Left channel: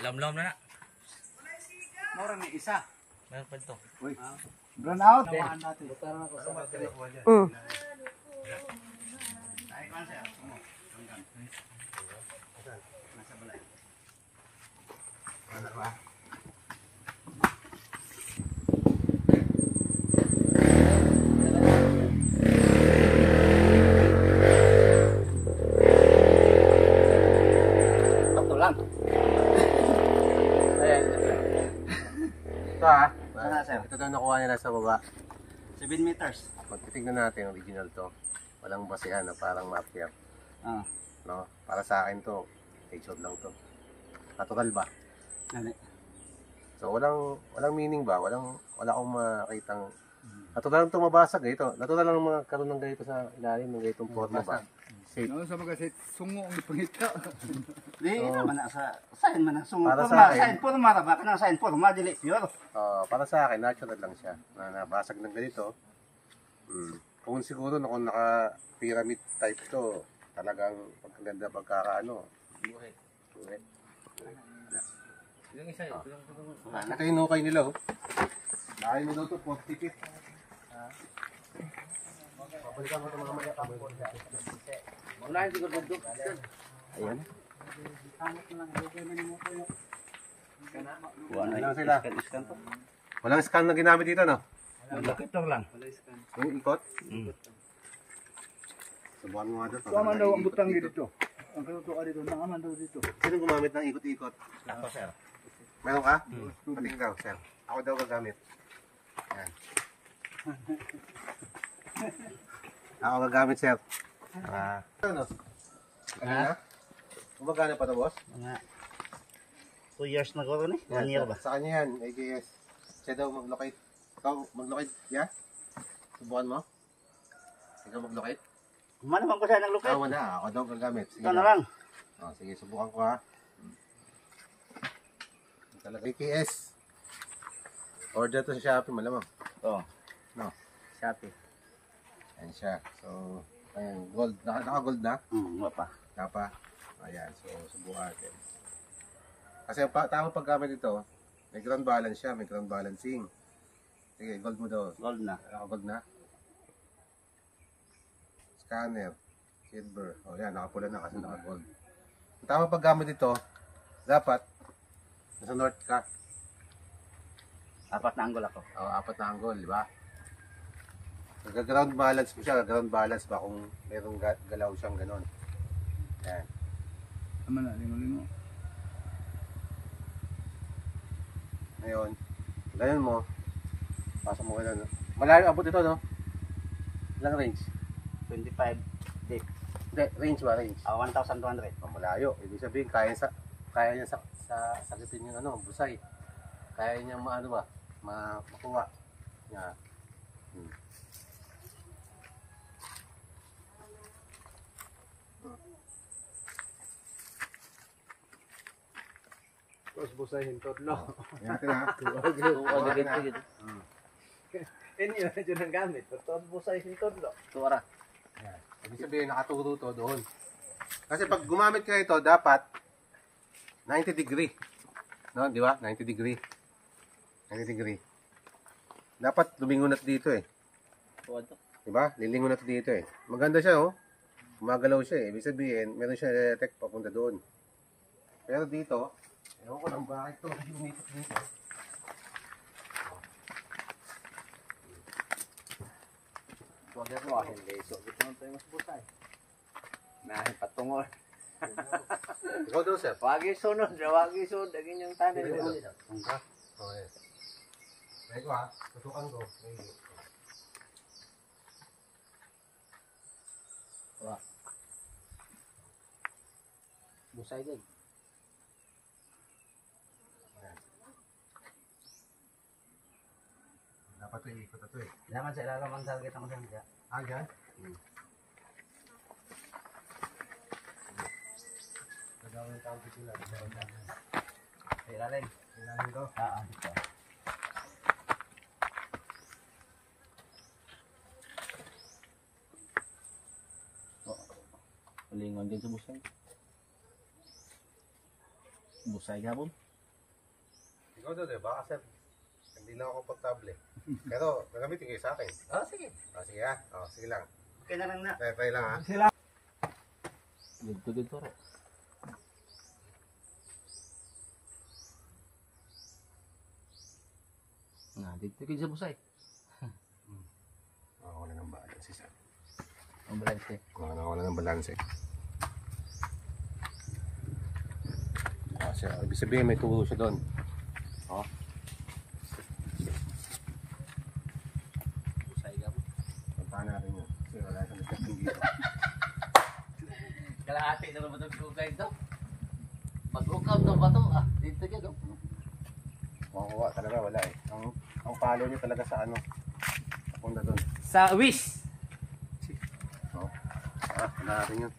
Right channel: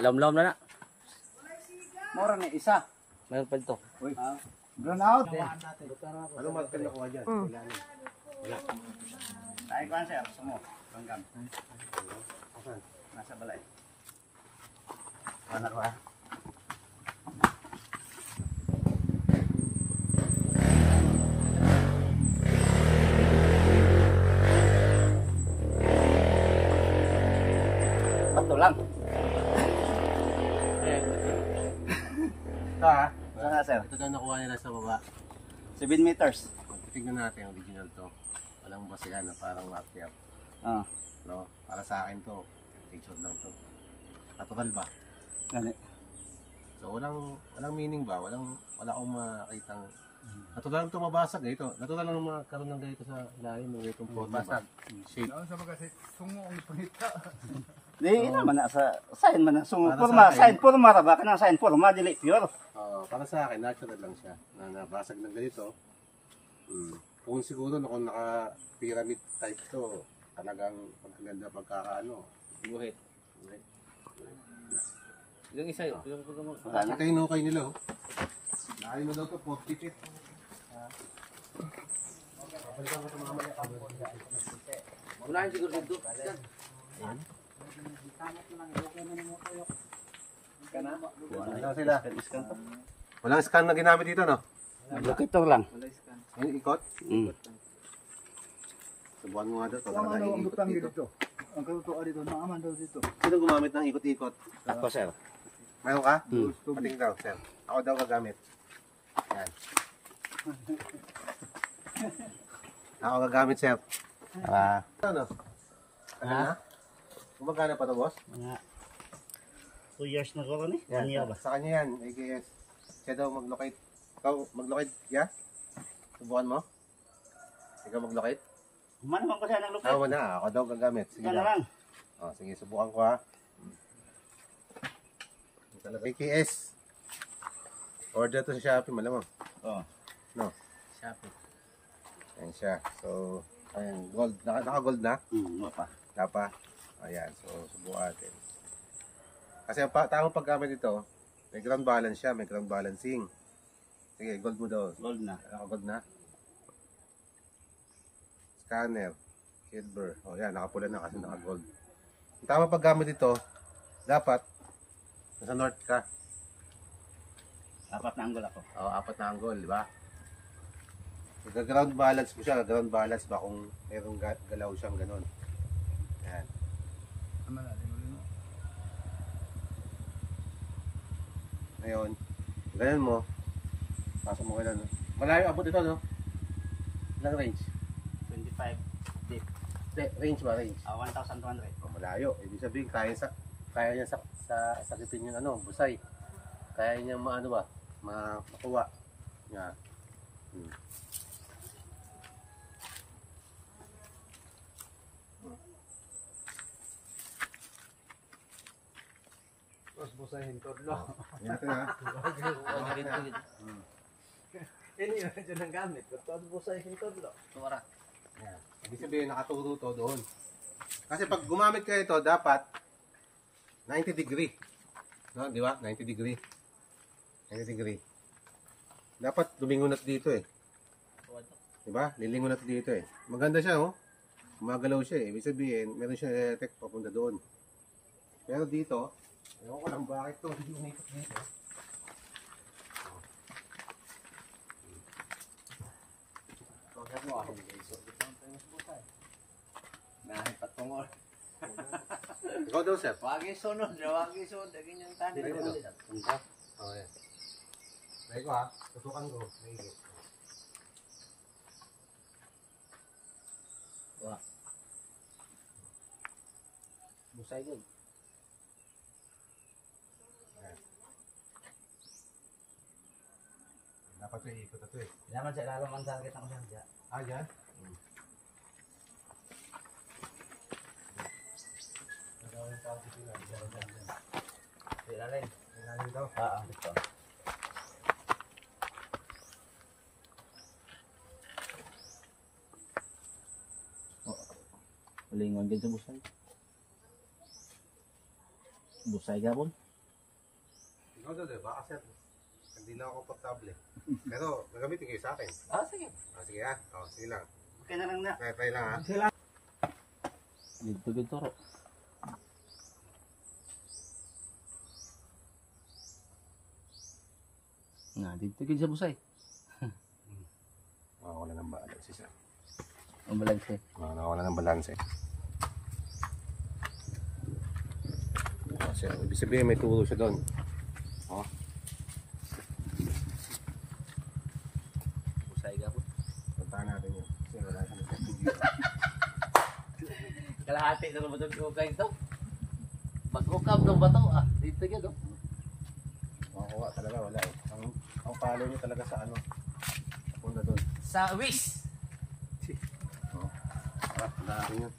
Lom-lom na na. Mura na isa. Meron pa ito. Uy. Run out. Ano ba kinukuha dyan? Tayo ka sir. Sumo. Hanggang. Nasa balay. Ano ka? Lang. Ayan. Ito ha. Sana sir. Ito na nakuha niya nasa baba. 7 meters. Tignan natin ang original to. Walang basihan na parang mafia. Ah. No? Para sa akin to, picture lang to. Natural ba? Gani. So walang meaning ba? Wala akong makitang natural lang to mabasag eh. Ito. Natural lang mga karoon ng ganito sa ilalim ng ganitong forma ba? Shape. Ano sa mga kasi sungo ang pangita. Di naman na sa sign man ang sungo. Para sa Forma, akin. sign forma ra ba kanang sign forma dili pure. Para sa akin, natural lang siya. Na nabasag ng ganito. Kung siguro na kung naka-pyramid type to, talagang pagkaganda pagkakaano. Buhit. Buhit. Yung isa, Wala na. Ito yung hukay nila oh. Nakain mo daw ito, 40 feet. Pabalikan mo ito mga mali. wala yung siguro dito. Ayun. Ano lang sila? Iskan to. Walang scan na ginamit dito no? Locator lang. Yung ikot? Subukan mo nga daw. Tama daw ang butang dito. Ang katutuan dito, naaman daw dito. Sino gumamit ng ikot-ikot? Ako sir. Meron ka? Pating daw, sir. Ako daw gagamit. Yan. Ako gagamit, sir. Ano? Kanina? Gumagana pa to, boss? Mga 2 years na ko ni. 1 year ba? Sa kanya yan, AGS. Siya daw mag-locate. Ikaw mag-locate, yeah? Subukan mo? Ikaw mag-locate? Man naman ko siya nag locate. Ako na, ako daw gagamit. Sige Ito na daw. lang. Sige, subukan ko ha. Talaga. AKS. Order to sa Shopee, malamang. Oh. No? Shopee. Ayan siya. So, ayan, gold. Naka-gold na? Wala pa. Tapa. Ayan, so subukan natin. Kasi ang tamang paggamit ito, may ground balance siya, may ground balancing. Sige, gold mo daw. Gold na. Naka-gold na. Scanner. Silver. O yan, nakapula na kasi naka-gold. Ang tamang paggamit ito, dapat, nasa north ka. 4 na angle ako. O, 4 na angle, di ba? Nag-ground balance mo siya, ground balance ba kung merong galaw siyang ganon. Yan. Tama na, limo-limo. Ngayon, ganun mo, pasok mo ganun. Malayo abot ito, no? Ilang range? 25 deep. Hindi, range ba? Range. 1,200. Malayo. Ibig sabihin, kaya niya sakitin yung ano, busay. Kaya niya maano ba? Makuha. Niya. Tapos busahin todlo. Yan natin ha. Ini na dyan ang gamit. Tapos busahin todlo. Tura. Yan. Ibig sabihin, nakaturo to doon. Kasi pag gumamit ka ito, dapat 90 degree. No, di ba? 90 degree. 90 degree. Dapat lumingunat dito eh. Di ba? Lilingunat dito eh. Maganda siya oh. Gumagalaw siya eh. Ibig sabihin, meron siya detect papunta doon. Pero dito, ewan ko lang bakit to hindi umikot dito. Huwag mo akin guys. So, gusto mo tayo mas busay. Nahin patungol. Ikaw daw, sir. Wagi sunod. Wagi sunod. Dagin yung tani. Tungka. Okay. Dahil ko ha. Tutukan ko. Nahigit. Busay din. Dapat ito iikot ito eh. Naman sa ilalim ang target ako siya. Dyan? Nagawa yung target nila. Sa ilalim. Ilalim daw. Dito. Uling ingon din sa busay. Busay gabon. Ikaw daw, diba? Kasi hindi na ako komportable. Pero magamitin kayo sa akin. Sige. Sige ha. Sige lang. Okay na lang na. Try lang ha. Dito ro. Nah, dito gid sa busay. Wala ng balance. Ang balanse. Wala ng balance. Kasi ibig sabihin may tulo siya doon. Busay gabon. Puntahan natin yun. Kasi wala siya nagsasabi dito. Kalahati na naman itong kukay ito. Mag-ukam daw ba ito? Dito yan, oh. Makukuha talaga, wala eh. Ang palo niyo talaga sa ano. Punta doon. Sa wish. Wala natin yun.